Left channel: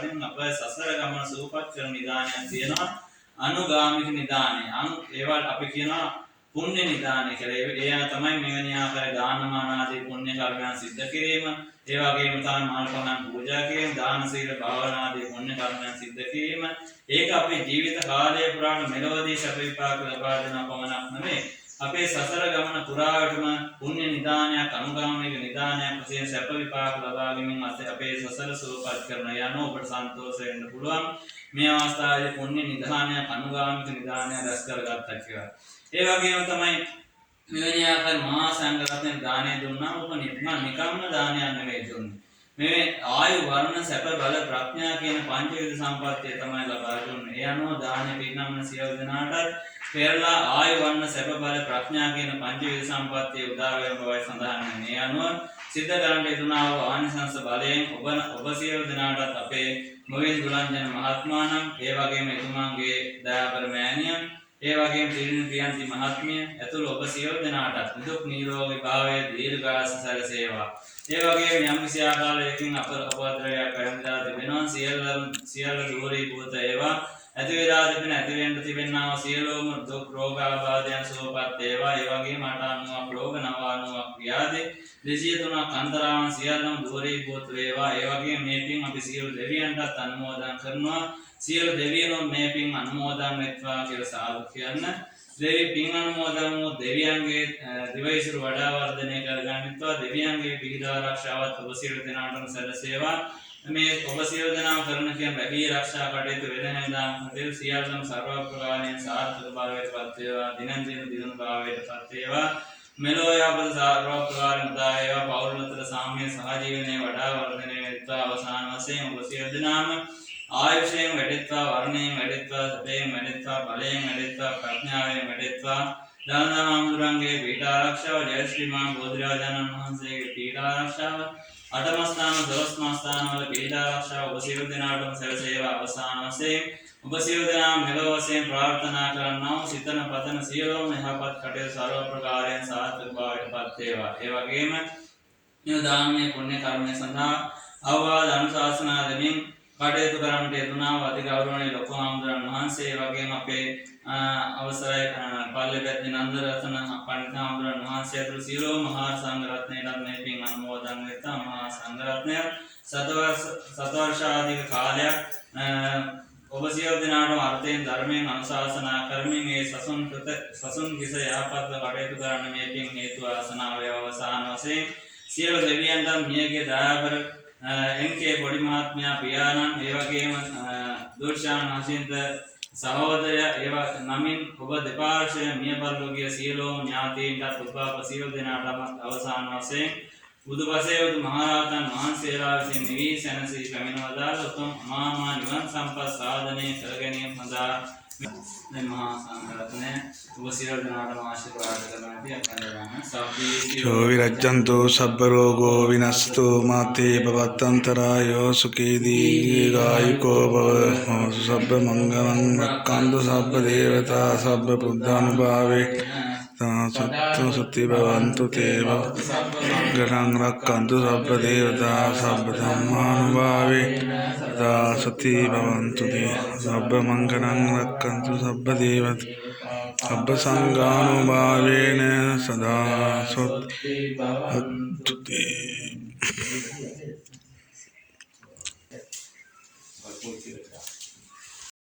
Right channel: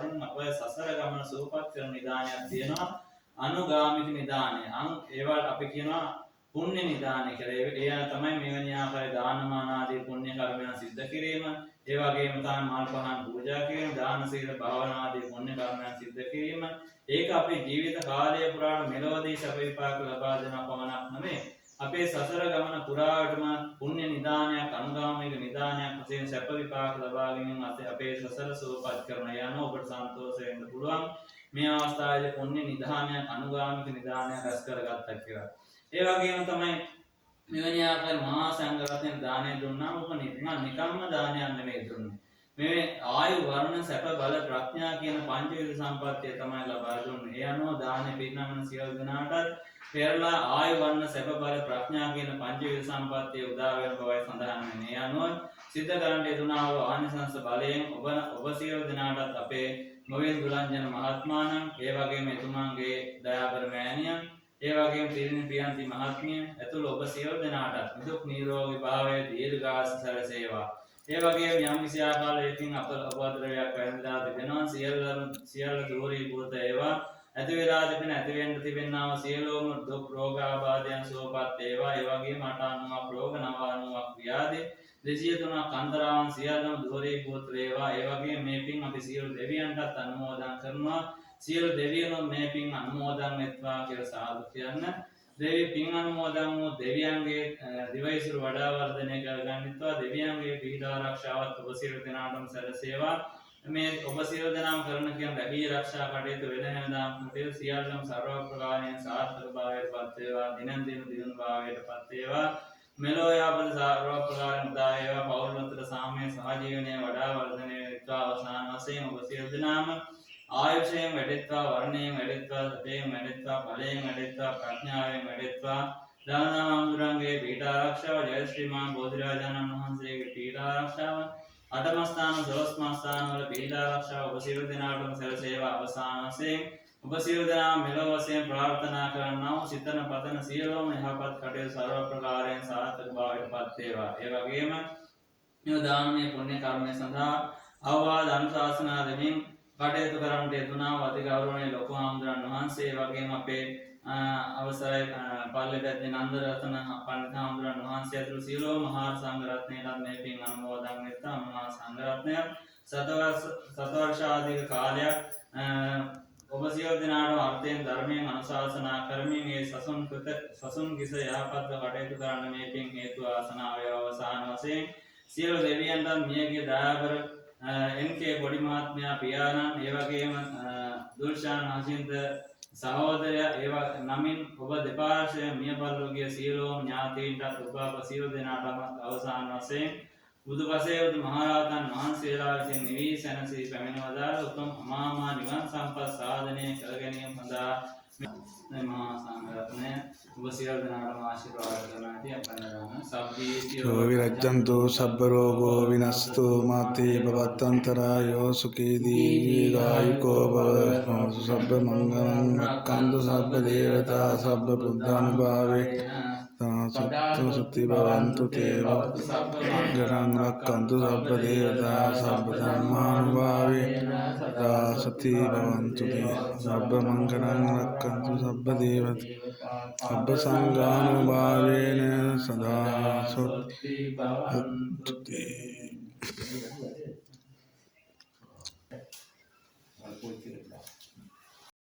ආශිර්වාදයෙන් අප සසර ගමන සූපපත් කරන නිදානයක් තියෙනවා අනුගාමික නිදානය. ඒවට අපි කියනවා පුණ්‍ය නිදානය කියලා. ඒ තමයි මෙවැනි ආකාර දානමාන ආදී පුණ්‍ය කර්මයන් සිද්ධ කිරීම. ඒ වගේම තමයි මාල් පහන් පූජා කිරීම, දාන සීල භාවනා ආදී පුණ්‍ය කර්මයන් සිද්ධ කිරීම. ඒක අපේ ජීවිත කාලය පුරාට මෙලොවදී සැප විපාක ලබා දෙන පමණක් නෙමෙයි. අපේ සසර ගමන පුරාවටම පුණ්‍ය නිදානයක් අනුගාමික නිදානයක් වශයෙන් සැප විපාක ලබා ගැනීම අපේ සසර සුවපත් කරන යන ඔබට සන්තෝෂ වෙන්න පුළුවන්. මේ අවස්ථාවේ පුණ්‍ය නිදානයක් අනුගාමික නිදානයක් රැස් කරගත්තා කියලා. ඒ වගේම තමයි මෙවැනි ආකාර මහා සංඝරත්නය දානය දුන්නාම ඔබ නිකම්ම දානයක් නෙවෙයි දුන්නේ. මේ ආයු වර්ණ සැප බල ප්‍රඥා කියන පංචවිධ සම්පත්තිය තමයි ලබා දුන්නේ. ඒ අනුව දානය පිරිනමන සියලු දෙනාටත් පෙරලා ආයු වර්ණ සැප බල ප්‍රඥා කියන පංචවිධ සම්පත්තිය උදා වෙන බවයි සඳහන් වෙන්නේ. ඒ අනුව සිද්ධ කරන්න යෙදුනා වූ ආනිසංස බලයෙන් ඔබ සියලු දෙනාටත් අපේ මොවින් දුලංජන මහත්මයාණන්, ඒ වගේම එතුමාගේ දයාබර මෑණියන්, ඒ වගේම ත්‍රිවිධ ප්‍රියන්ති මහත්මිය ඇතුළු ඔබ සියලු දෙනාටත් නිදුක් නිරෝගී භාවයේ දීර්ඝායුෂ සැලසේවා. ඒ වගේම යම් කිසි ආකාරයකින් අපද්‍රවයක් වැළඳලා තිබෙනවා සියල්ල දුරීභූත ඒවා. ඇති වේදා තිබෙන ඇති වෙන්න තිබෙනා සියලුම දුක් රෝග ආබාධයන් සුවපත් වේවා. ඒ වගේම 890ක් රෝග 990ක් ව්‍යාධි 203ක් අන්තරාවන් සියල්ලම දුරීභූත වේවා. ඒ වගේම මේ පින් අපි සියලු දෙවියන්ටත් අනුමෝදන් කරනවා. සියලු දෙවියන්ම මේ පින් අනුමෝදන් වෙත්වා කියලා සාදු කියන්න. දෙවි පින් අනුමෝදන් වූ දෙවියන්ගේ දිවයිසුරු වඩා වර්ධනය කරගන්නත්වා. දෙවියන්ගේ පිහිට ආරක්ෂාවත් ඔබ සියලු දෙනාටම සැලසේවා. මේ ඔබ සියලු දෙනා කරන කියන රැකී ආරක්ෂා කටයුතු වෙන හැමදාම කටයුතු සියල්ලම සර්ව ප්‍රකාරයෙන් සාර්ථක භාවයට පත් වේවා. දිනන් දින දිනුන භාවයට පත් වේවා. මෙලෝ යබද සර්ව ප්‍රකාරයෙන් උදා වේවා. පෞල් නතර සාමයේ සහජීවනයේ වඩා වර්ධනය වෙත්වා. අවසාන වශයෙන් ඔබ සියලු දෙනාම ආයුෂයෙන් වැඩෙත්වා, වර්ණයෙන් වැඩෙත්වා, සැපයෙන් වැඩෙත්වා, බලයෙන් වැඩෙත්වා, ප්‍රඥාවෙන් වැඩෙත්වා. දානමාමුදුරන්ගේ පීඨ ආරක්ෂාව, ජය ශ්‍රීමාන් බෝධිරාජාණන් වහන්සේගේ පීඨ ආරක්ෂාව, අටම ස්ථාන, දොළොස්ම ස්ථානවල පීඨ ආරක්ෂාව ඔබ සියලු දෙනාටම සැලසේවා. අවසාන වශයෙන් ඔබ සියලු දෙනා මෙලොව වශයෙන් ප්‍රාර්ථනා කරන්නා වූ සිතන පතන සියලුම යහපත් කටයුතු සර්ව ප්‍රකාරයෙන් සාර්ථක බවට පත් වේවා. ඒ වගේම මේ දානමය පුණ්‍ය කර්මය සඳහා අවවාද අනුශාසනා දෙමින් කටයුතු කරන්නට යෙදුනා වූ අතිගෞරවනීය ලොකු හාමුදුරන් වහන්සේ, ඒ වගේම අපේ අවසරයි පල්ලෙපැද්ද නන්දරතන පණ්ඩිත හාමුදුරන් වහන්සේ ඇතුළු සියලුම මහා සංඝරත්නයටත් මේ පින් අනුමෝදන් වෙත්වා. මහා සංඝරත්නය සතවර්ෂාධික කාලයක් ඔබ සියලු දෙනාටම අර්ථයෙන් ධර්මයෙන් අනුශාසනා කරමින් මේ සසුන් කිස යහපත්ව කටයුතු කරන්න මේ පින් හේතු ආසනාව වේවා. අවසාන වශයෙන් සියලු දෙවියන්ට මියගේ දයාබර එන්කේ පොඩි මහත්මයා පියාණන්, ඒ වගේම දුර්ශාන් හසින්ද සහෝදරය ඒවා නමින් ඔබ දෙපාර්ශ්වය මිය පරලෝකීය සියලුම ඥාතීන්ටත් උපාප සියලු දෙනාටම අවසාන වශයෙන් බුදුපසේවතු මහරහතන් වහන්සේලා විසින් නිවී සැනසී පැමිණවදාළ උතුම් අමාමා නිවන් සම්පත් සාධනය කර ගැනීම සඳහා මේ මහා සංඝරත්නය ඔබ සියලු දෙනාටම ආශිර්වාද කරනවා. යෝ විරජ්ජන්තු සබ්බ රෝගෝ විනස්සතු මාතේ භවත්තන්තරායෝ සුඛී දීර්ඝායුකෝ භව. සබ්බ මංගලං රක්ඛන්තු සබ්බ දේවතා සබ්බ බුද්ධානුභාවේ සත්තු සුති භවන්තු තේව ගරං රක්ඛන්තු සබ්බ දේවතා සබ්බ ධම්මානුභාවේ සති භවන්තු තේ. සබ්බ මංගලං රක්ඛන්තු සබ්බ දේවතා සබ්බ සංඝානුභාවේන සදා සොත්ති භවන්තු තේ.